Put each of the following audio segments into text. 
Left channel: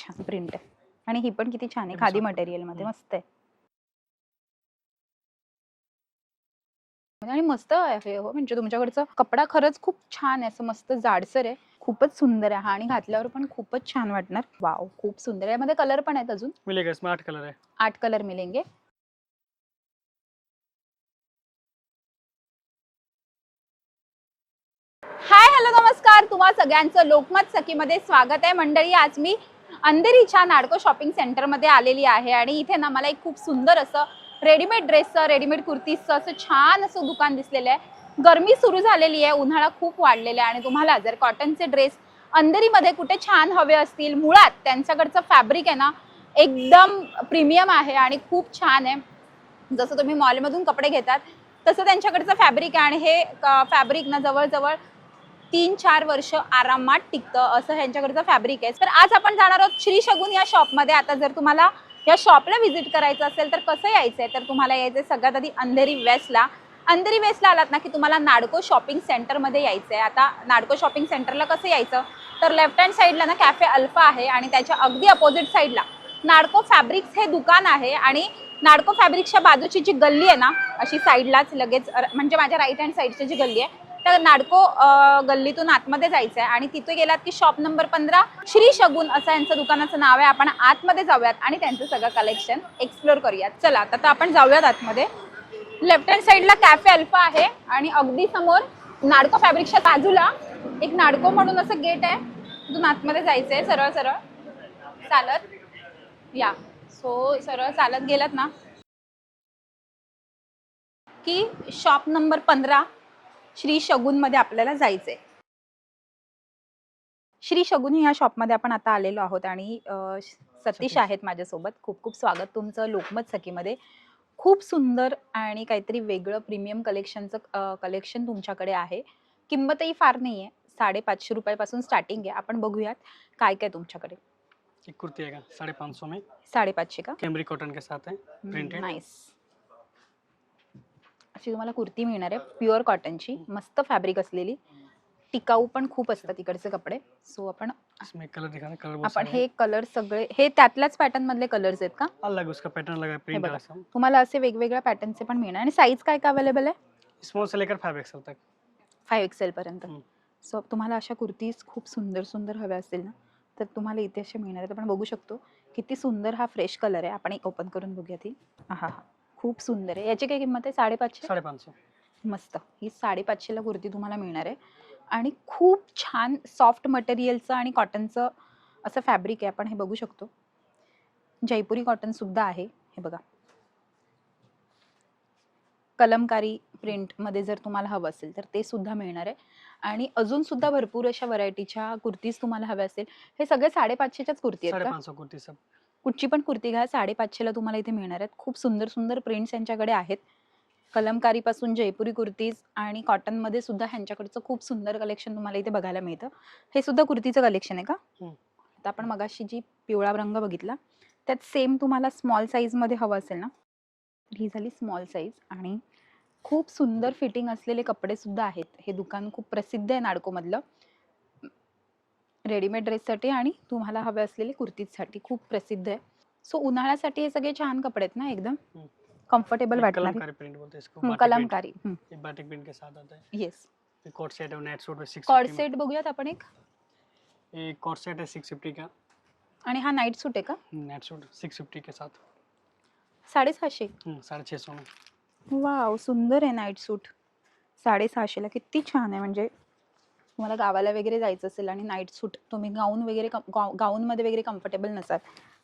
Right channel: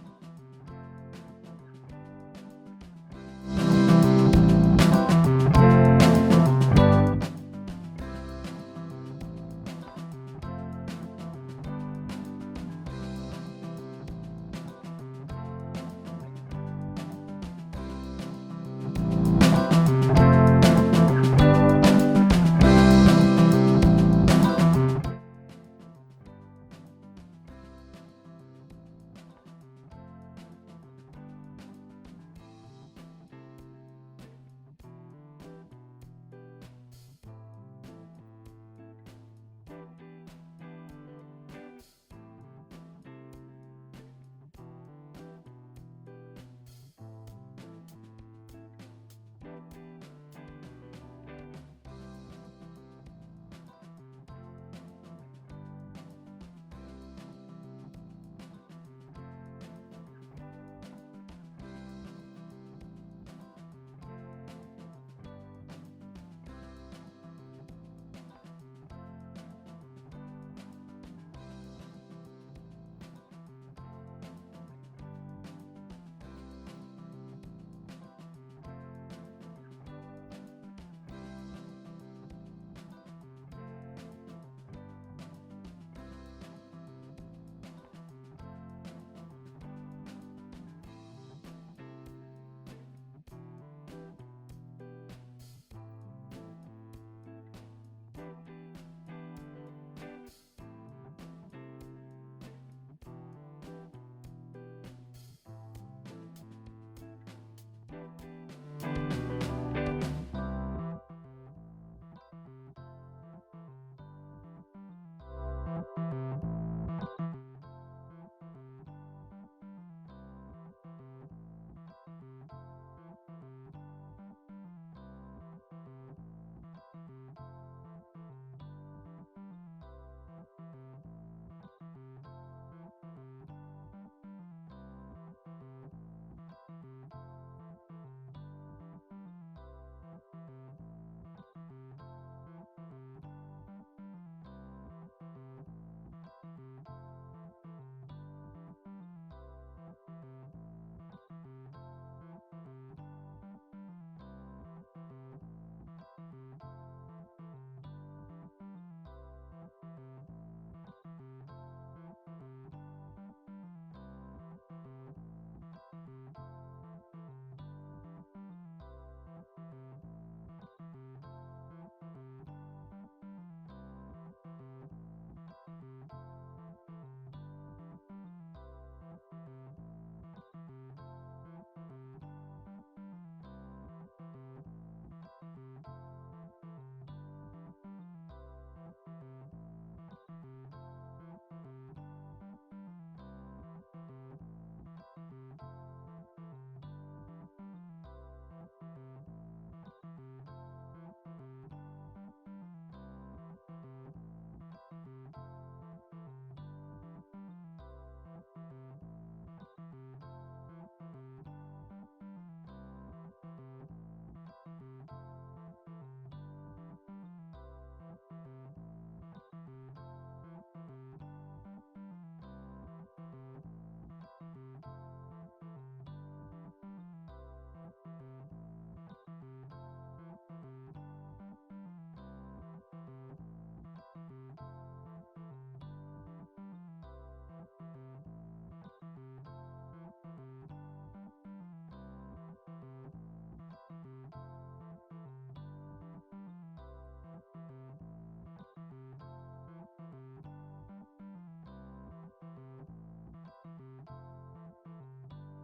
छान प्रिंट आहे. आणि ही पण किती छान आहे. खादी मटेरियलमध्ये मस्त आहे. आणि मस्त आहे हो म्हणजे तुमच्याकडचा कपडा खरंच खूप छान आहे. असं मस्त जाडसर आहे. खूपच सुंदर आहे. हा आणि घातल्यावर पण खूपच छान वाटणार. वाव खूप सुंदर आहे. यामध्ये कलर पण आहेत अजून. मिलेगा इसमें आठ कलर है आठ कलर मिलेंगे. हाय हॅलो नमस्कार. तुम्हा सगळ्यांचं लोकमत सखीमध्ये स्वागत आहे मंडळी. आज मी अंधेरीच्या नाडको शॉपिंग सेंटरमध्ये आलेली आहे आणि इथे ना मला एक खूप सुंदर असं रेडीमेड ड्रेसचं रेडीमेड कुर्तीजचं असं छान असं दुकान दिसलेलं आहे. गरमी सुरू झालेली आहे उन्हाळा खूप वाढलेला आहे आणि तुम्हाला जर कॉटनचे ड्रेस अंधेरीमध्ये कुठे छान हवे असतील मुळात त्यांच्याकडचं फॅब्रिक आहे ना एकदम प्रीमियम आहे आणि खूप छान आहे. जसं तुम्ही मॉलमधून कपडे घेतात तसं त्यांच्याकडचं फॅब्रिक आहे आणि हे फॅब्रिक ना जवळजवळ तीन चार वर्ष आरामात टिकतं असं ह्यांच्याकडचं फॅब्रिक आहे. तर आज आपण जाणार आहोत श्री शगुन या शॉपमध्ये. आता जर तुम्हाला या शॉपला व्हिजिट करायचं असेल तर कसं यायचं आहे तर तुम्हाला यायचं आहे सगळ्यात आधी अंधेरी वेस्टला. अंधेरी वेस्टला आलात ना की तुम्हाला नाडको शॉपिंग सेंटरमध्ये यायचं आहे आता नाडको शॉपिंग सेंटरला कसं यायचं? तर लेफ्ट हँड साईडला ना कॅफे अल्फा आहे आणि त्याच्या अगदी अपोजिट साईडला नाडको फॅब्रिक्स हे दुकान आहे आणि नाडको फॅब्रिक्सच्या बाजूची जी गल्ली आहे ना अशी साईडलाच लगेच म्हणजे माझ्या राईट हँड साईडची जी गल्ली आहे त्या नाडको गल्लीतून आतमध्ये जायचं आहे आणि तिथे गेलात की शॉप नंबर पंधरा श्री शगुन असं यांचं दुकानाचं नाव आहे. आपण आतमध्ये जाऊयात आणि त्यांचं सगळं कलेक्शन एक्सप्लोर करूयात. चला आता तर आपण जाऊयात आतमध्ये. लेफ्ट हँड साईडला कॅफे अल्फा आहे आणि अगदी समोर नाडको फॅब्रिकच्या बाजूला एक नाडको म्हणून असं गेट आहे. तिथून आतमध्ये जायचं आहे सरळ सरळ. चालत. या. सो सरळ चालत गेलात ना. की शॉप नंबर पंधरा श्री शगुनमध्ये आपल्याला जायचंय. श्री शगुन ह्या शॉपमध्ये आपण आता आलेलो आहोत आणि सतीश आहेत माझ्यासोबत. खूप खूप स्वागत तुमचं लोकमत सखीमध्ये. खूप सुंदर आणि काहीतरी वेगळं प्रीमियम कलेक्शनचं कलेक्शन तुमच्याकडे आहे. किंमतही फार नाही आहे साडेपाचशे रुपयापासून स्टार्टिंग आहे. आपण बघूयात काय काय तुमच्याकडे. एक कुर्ती आएगा साढ़े पाँच सौ में. साडेपाचशे का? कैमरी कॉटन के साथ है Printed. नाईस अशी तुम्हाला कुर्ती मिळणार आहे प्युअर कॉटनची मस्त फॅब्रिक असलेली. टिकाऊ पण खूप असतात तिकडचे कपडे. सो आपण आपण हे कलर सगळे हे त्यातल्याच पॅटर्न मधले कलर्स आहेत का। अलग उसका पैटर्न बघा. तुम्हाला असे वेगवेगळ्या पॅटर्नचे पण मिळणार. आणि साईज काय काय अवेलेबल आहे? स्मॉल से लेकर फाइव एक्सएल तक. फाईव्ह एक्सेल पर्यंत. सो तुम्हाला अशा कुर्तीज खूप सुंदर सुंदर हव्या असतील ना तर तुम्हाला इथे असे मिळणार आहेत. आपण बघू शकतो किती सुंदर हा फ्रेश कलर आहे. आपण एक ओपन करून बघूया ती. हा हा खूप सुंदर आहे. याची काय किंमत आहे? साडेपाचशे? साढ़े पाँच सौ मस्त. ही साडेपाचशेला कुर्ती तुम्हाला मिळणार आहे. आणि खूप छान सॉफ्ट मटेरियलचं आणि कॉटनचं असं फॅब्रिक आहे. आपण हे बघू शकतो. जयपुरी कॉटन सुद्धा आहे. हे बघा. कलमकारी प्रिंटमध्ये जर तुम्हाला हवं असेल तर ते सुद्धा मिळणार आहे. आणि अजून सुद्धा भरपूर अशा व्हरायटीच्या कुर्तीज तुम्हाला हव्या असेल. हे सगळे साडेपाचशेच्याच कुर्ती आहेत का? कुर्ती कुठची पण कुर्ती घ्या साडेपाचशेला तुम्हाला इथे मिळणार आहेत. खूप सुंदर सुंदर प्रिंट्स यांच्याकडे आहेत. कलमकारीपासून जयपुरी कुर्तीज आणि कॉटनमध्ये सुद्धा ह्यांच्याकडचं खूप सुंदर कलेक्शन तुम्हाला इथे बघायला मिळतं. हे सुद्धा कुर्तीचं कलेक्शन आहे का? हम्म. आता आपण मगाशी जी पिवळा रंग बघितला त्यात सेम तुम्हाला स्मॉल साईजमध्ये हवं असेल ना? ही झाली स्मॉल साईज आणि खूप सुंदर फिटिंग असलेले कपडे सुद्धा आहेत. हे दुकान खूप प्रसिद्ध आहे नाडकोमधलं. रेडीमेड ड्रेससाठी आणि तुम्हाला हवे असलेले कुर्तीजसाठी. खूप प्रसिद्ध आहे. सो उन्हाळ्यासाठी हे सगळे छान कपडे आहेत ना एकदम? कम्फर्टेबल वाटणार. कलमकारी येस ये कोट सेट है नेट सूट में सिक्स कॉर्ड सेट बघूयात आपण एक. ये कोट सेट है सिक्स फिफ्टी का? आणि हा नाईट सूट आहे का? नेट सूट सिक्स फिफ्टी के साथ. साडेसहाशे. हम्म, साढ़े छः सौ में वाव सुंदर आहे नाईट सूट साडेसहाशेला किती छान आहे म्हणजे तुम्हाला गावाला वगैरे जायचं असेल आणि नाईट सूट तुम्ही गाऊन वगैरे कम- गाऊनमध्ये वगैरे कम्फर्टेबल नसाल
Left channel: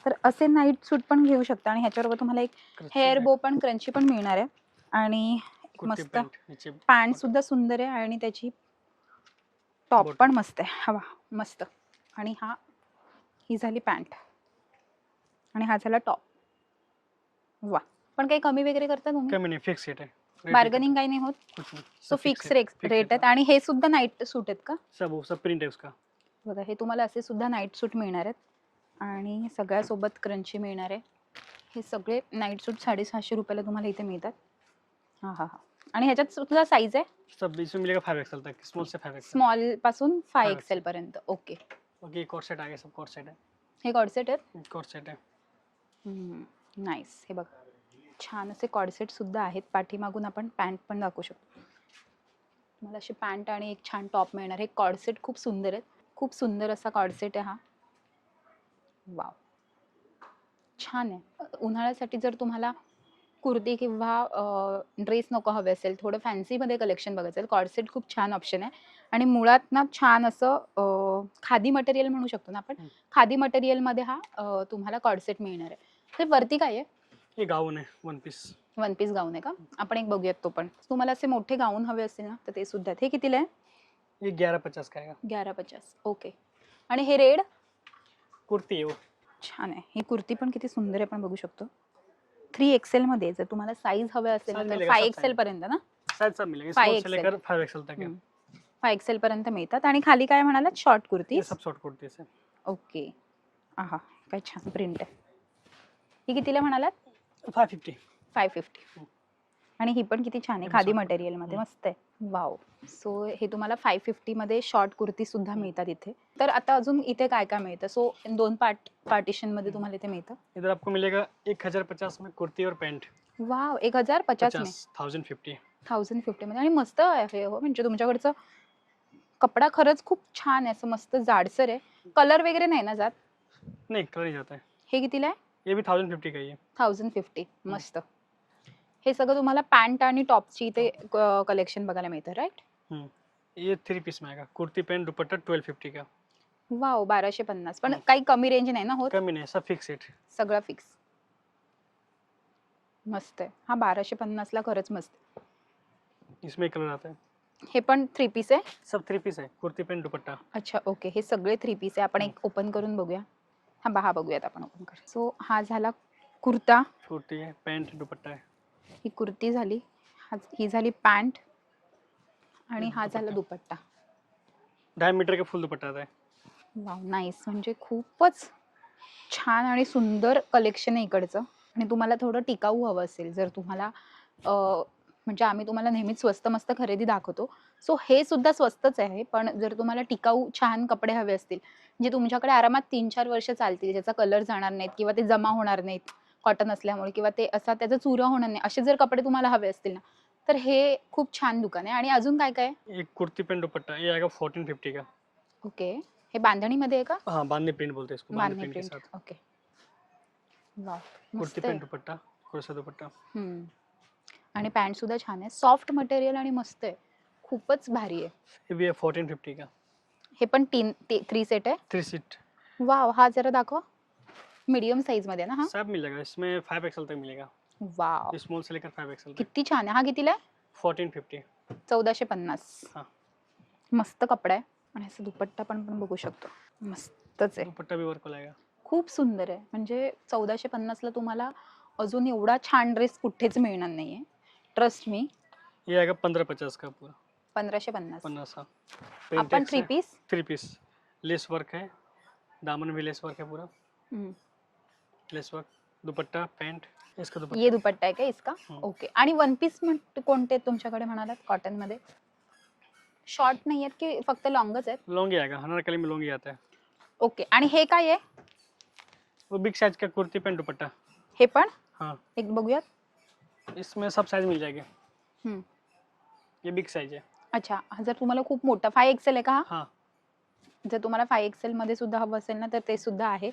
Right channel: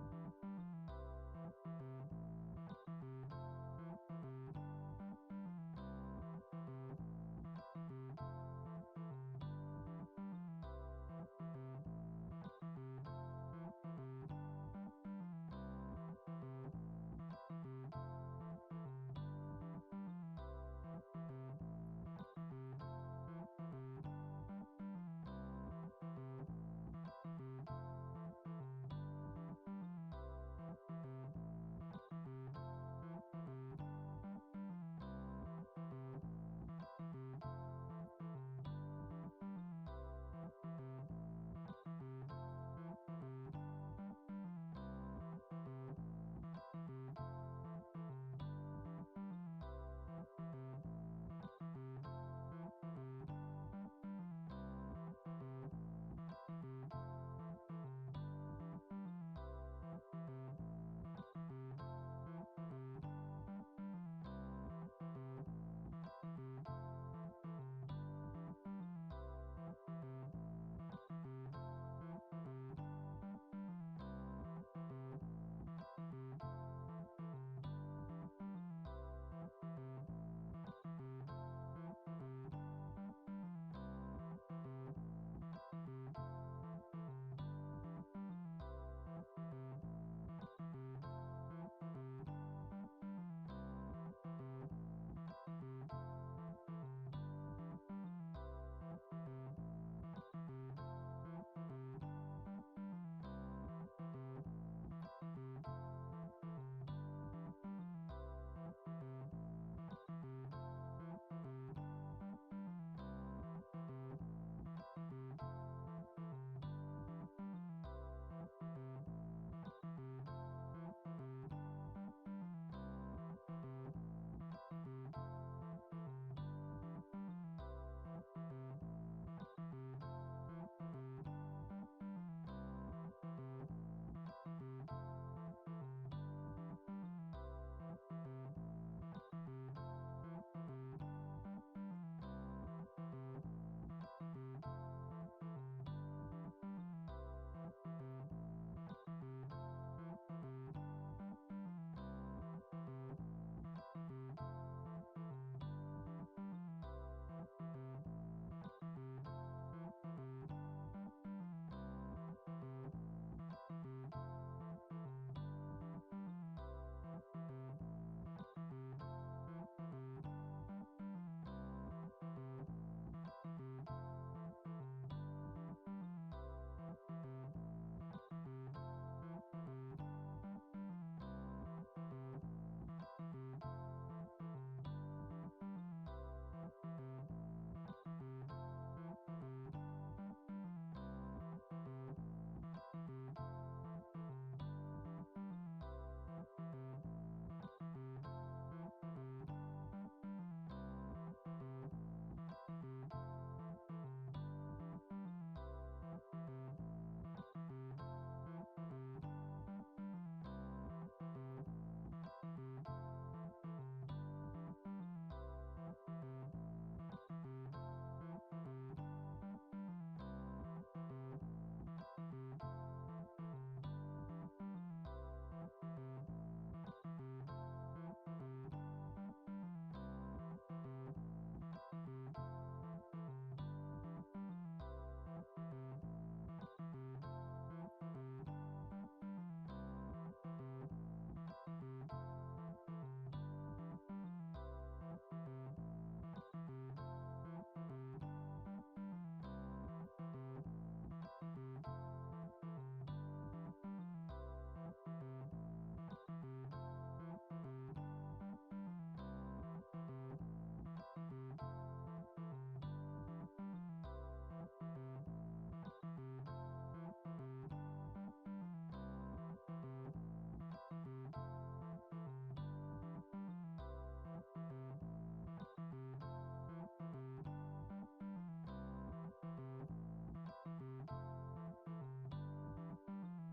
तर असे नाईट सूट पण घेऊ शकता. आणि ह्याच्याबरोबर तुम्हाला एक हेअर बो पण क्रंची पण मिळणार आहे. आणि मस्त पॅन्ट सुद्धा सुंदर आहे आणि त्याची टॉप. पण मस्त आहे. हवा मस्त. आणि हा ही झाली पॅन्ट आणि हा झाला टॉप वा. पण काही कमी वगैरे करता तुम्ही? कमी नहीं फिक्स रेट है Rate ही बार्गनिंग काही नाही होत. कुछ नहीं सो फिक्स रेट रेट आहेत. आणि हे सुद्धा नाईट सूट आहेत का? सब सब प्रिंट है उसका बघा हे तुम्हाला असे सुद्धा नाईट सूट मिळणार आहेत. आणि सगळ्यासोबत क्रंची मिळणार आहे. हे सगळे नाईट सूट साडेसहाशे रुपयाला तुम्हाला इथे मिळतात. हां हां हां. आणि ह्याच्यात सुद्धा साईज आहे? सब इसमें मिलेगा फाइव एक्सएल तक? स्मॉल से फाइव एक्सएल स्मॉलपासून फाय एक्सेल पर्यंत. ओके ओके कोट सेट आ गया सब कोट सेट है हे कॉडसेट आहेत? कॉर्ड सेट आहे. नाईस हे बघ. छान असे कॉडसेट सुद्धा आहेत. पाठीमागून आपण पॅन्ट पण दाखवू शकतो. मला अशी पॅन्ट आणि एक छान टॉप मिळणार हे कॉडसेट खूप सुंदर आहेत. खूप सुंदर असा कॉडसेट आहे हा. वाव छान आहे. उन्हाळ्यासाठी जर तुम्हाला कुर्ती किंवा ड्रेस नको हवे असेल थोडं फॅन्सीमध्ये कलेक्शन बघायचं असेल कॉडसेट खूप छान ऑप्शन आहे. आणि मुळात ना छान असं खादी मटेरियल म्हणू शकतो ना आपण. खादी मटेरियलमध्ये हा तुम्हाला कॉडसेट मिळणार आहे. ते वरती काय आहे? हे गाऊन आहे one piece one piece gown आहे का? आपण एक बघूयात तो पण. तुम्हाला असे मोठे गाऊन हवे असतील ना तर ते सुद्धा. हे कितीला आहे? ये ग्यारह पचास का है ग्यारा पचास. ओके आणि हे रेड? कुर्ती है. वो छान आहे. ही कुर्ती पण किती सुंदर आहे आपण बघू शकतो. थ्री एक्सेल मध्ये जर तुम्हाला साईज हवे असेल Size तर फाय एक्सेल. पर्यंत ना? शायद सब मिलेंगे Five स्मॉल से XL. लेकर फाइव एक्सएल तक है हम्म. फाय एक्सेल पर्यंत मिळतात. आणि खाली काय म्हणालात? शॉर्ट कुर्ती ये सब शॉर्ट कुर्ती है ओके आहा काय छान प्रिंट आहे. ही कितीला म्हणालात? फिफ्टी फाय फिफ्टी आणि ही पण किती छान आहे खादी पण छान. मटेरियलमध्ये मस्त आहे. वाव सो हे तुम्हाला फाय फिफ्टीमध्ये शॉर्ट कुर्ती सुद्धा मिळतात इथे. तर आता अजून इथे काय काय मिळतं? सो दोन पार्ट पार्टिशनमध्ये तुम्हाला इथे मिळतं. इधर आपको मिलेगा एक हजार पचास में कुर्ती और पैंट. वाव एक हजार पचास में? थाउजेंड फिफ्टी थाउजंड फिफ्टीमध्ये आणि मस्त आहे हो म्हणजे तुमच्याकडचं कपडा खरंच खूप छान आहे असं मस्त जाडसर आहे. कलर वगैरे नाही ना जात? नहीं कलर जाता है हे कितीला आहे? ये भी थाउजेंड फिफ्टी का ही है। थाउजंड फिफ्टी मस्त. हे सगळं तुम्हाला पॅन्ट आणि टॉपची इथे कलेक्शन बघायला मिळतं राईट ये थ्री पीस में आएगा kurti pant dupatta twelve fifty का. वाव बाराशे पन्नास. पण काही कमी रेंज नाही ना होत? कमी नहीं सब फिक्स रेट सगळं फिक्स मस्त आहे. हा बाराशे पन्नासला खरंच मस्त. इसमें कलर आता है. हे पण थ्री पीस आहे? सब थ्री पीस है कुर्ती पैंट दुपट्टा. अच्छा ओके हे सगळे थ्री पीस आहे. आपण एक ओपन करून बघूया. हा बा हा बघूयात आपण ओपन करून सो हा झाला कुर्ता. कुर्ती है पैंट दुपट्टा है ही कुर्ती झाली. हा ही झाली पॅन्ट आणि हा झाला दुपट्टा. ढाई मीटर का फुल दुपट्टा आता है वाव नाईस म्हणजे खूपच छान आणि सुंदर कलेक्शन आहे इकडचं. आणि तुम्हाला थोडं टिकाऊ हवं असेल. जर तुम्हाला अं, म्हणजे आम्ही तुम्हाला नेहमीच स्वस्त मस्त खरेदी दाखवतो. सो हे सुद्धा स्वस्तच आहे. पण जर तुम्हाला टिकाऊ छान कपडे हवे असतील जे तुमच्याकडे आरामात तीन चार वर्ष चालतील ज्याचा कलर जाणार नाहीत किंवा ते जमा होणार नाहीत कॉटन असल्यामुळे किंवा ते असा त्याचा चुरा होणार नाही असे जर कपडे तुम्हाला हवे असतील ना तर हे खूप छान दुकान आहे. आणि अजून काय काय? एक कुर्ती पैंट दुपट्टा ये आएगा फोर्टीन फिफ्टी का? ओके. हे बांधणीमध्ये आहे का? हाँ बांधनी प्रिंट बोलते हैं इसको बांधनी प्रिंट के प्रिंट साथ. ओके. वाव कुर्ती मस्त आहे. पैंट दुपट्टा कुर्सा दुपट्टा. हम्म. आणि पॅन्ट सुद्धा छान आहे. सॉफ्ट मटेरियल आणि मस्त आहे. खूपच भारी आहे. है फोर्टीन फिफ्टी का? हे पण तीन थ्री सेट आहे? थ्री सीट वाव हा जरा दाखवा. मीडियम साईजमध्ये ना हा? सब मिल जाएगा इसमें फाइव एक्सएल तक मिलेगा वाव स्मॉल से लेकर फाइव एक्सएल तक. किती छान आहे. हा कितीला आहे? फोर्टीन फिफ्टी चौदाशे पन्नास. हा. मस्त कपडा आहे. आणि असं दुपट्टा पण आपण बघू शकतो. मस्तच आहे. दुपट्टा भी वर्क जाएगा खूप सुंदर आहे. म्हणजे चौदाशे पन्नासला तुम्हाला अजून एवढा छान ड्रेस कुठेच मिळणार नाहीये. ट्रस्ट मी ये आएगा पंद्रह पचास का? पूरा पंधराशे पन्नास. पन्नास हाँ. आपण three piece three piece lace work है दामन भी लेस वर्क है पूरा. लेस वर्क दुपट्टा पैंट इसका दुपट्टा. ये दुपट्टा आहे का इसका? हम्म. ओके आणि वन पीस कोणते आहेत तुमच्याकडे म्हणालात? कॉटनमध्ये? शॉर्ट नाही आहेत की फक्त लॉंगच आहेत? लॉन्ग ही आएगा अनारकली में लॉन्ग ही आता है ओके आणि हे काय आहे? वो बिग साइज का कुर्ती पैंट दुपट्टा. हे पण? हाँ। एक बघूयात. इसमें सब साइज मिल जाएंगे. हम्म. ये बिग साइज है अच्छा हा जर तुम्हाला खूप मोठा फाय एक्सेल आहे का? हा? हाँ जर तुम्हाला फाय एक्सेल मध्ये सुद्धा हवं असेल ना तर ते सुद्धा आहे.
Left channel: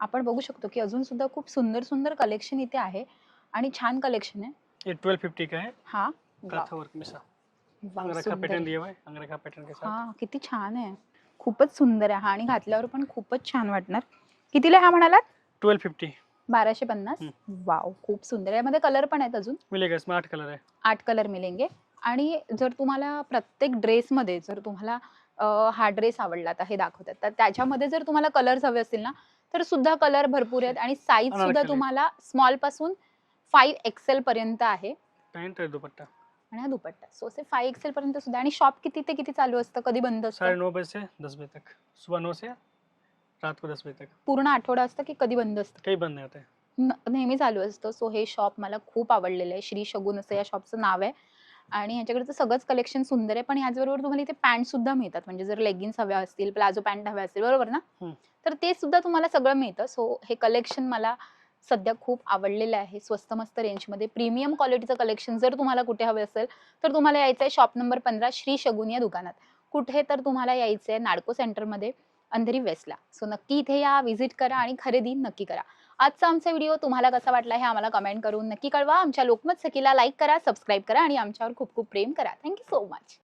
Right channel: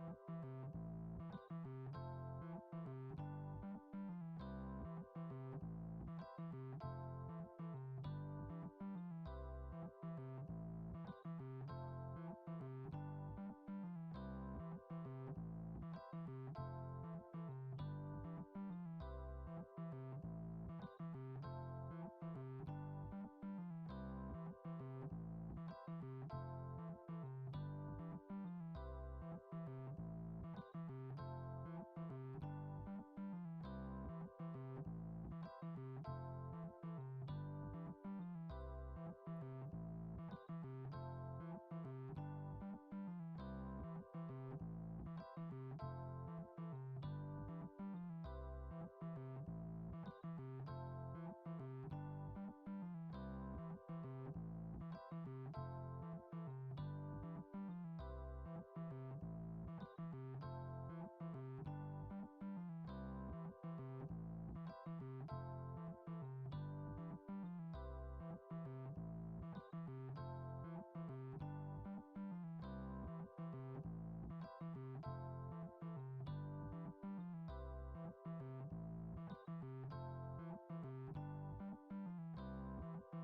आपण बघू शकतो की अजून सुद्धा खूप सुंदर सुंदर कलेक्शन इथे आहे आणि छान कलेक्शन आहे. ये का है हा. काथा वर्क में सा वाव, अंगरखा सुंदर. पैटर्न आहे. दिया हुआ है अंगरखा पैटर्न के साथ हा किती छान आहे. खूपच सुंदर आहे हा आणि घातल्यावर पण खूपच छान वाटणार. कितीला हा म्हणालात? ट्वेल्व फिफ्टी बाराशे पन्नास. वाव खूप सुंदर आहे. यामध्ये कलर पण आहेत अजून. मिलेगा इसमें आठ कलर है आठ कलर मिळेंगे आणि जर तुम्हाला प्रत्येक ड्रेसमध्ये जर तुम्हाला हा ड्रेस आवडला तर हे दाखवतात. तर त्याच्यामध्ये जर तुम्हाला कलर्स हवे असतील ना तर सुद्धा कलर भरपूर आहेत आणि साईज सुद्धा. तुम्हाला स्मॉलपासून फाईव्ह एक्सेल पर्यंत आहे. पैंट दुपट्टा. आणि हा दुपट्टा. सो असे फाईव्ह एक्सेल पर्यंत सुद्धा आणि शॉप किती ते किती चालू असतं? कधी बंद असतं? नौ बजे से दस बजे तक सुबह नौ से रात को दस बजे तक पूर्ण आठवडा असतं की कधी बंद असतं? कहीं बंद नहीं नेहमी चालू असतं. सो हे शॉप मला खूप आवडलेलं आहे. श्री शगुन असं या शॉपचं नाव आहे. आणि ह्याच्याकडचं सगळंच कलेक्शन सुंदर आहे. पण ह्याचबरोबर तुम्हाला इथे पॅन्ट सुद्धा मिळतात. म्हणजे जर लेगिन्स हव्या असतील प्लाझो पॅन्ट हव्या असतील बरोबर ना? हम्म. तर ते सुद्धा तुम्हाला सगळं मिळतं. सो हे कलेक्शन मला सध्या खूप आवडलेलं आहे. स्वस्त मस्त रेंजमध्ये प्रीमियम क्वालिटीचं कलेक्शन जर तुम्हाला कुठे हवे असेल तर तुम्हाला यायचं आहे शॉप नंबर पंधरा श्री शगुन या दुकानात. कुठे तर तुम्हाला यायचं आहे नाडको सेंटरमध्ये अंधेरी वेस्टला सो नक्की इथे या व्हिजिट करा आणि खरेदी नक्की करा. आजचा आमचा व्हिडिओ तुम्हाला कसा वाटला हे आम्हाला कमेंट करून नक्की कळवा. आमच्या लोकमत सखीला लाईक करा सबस्क्राईब करा आणि आमच्यावर खूप खूप प्रेम करा. Thank you so much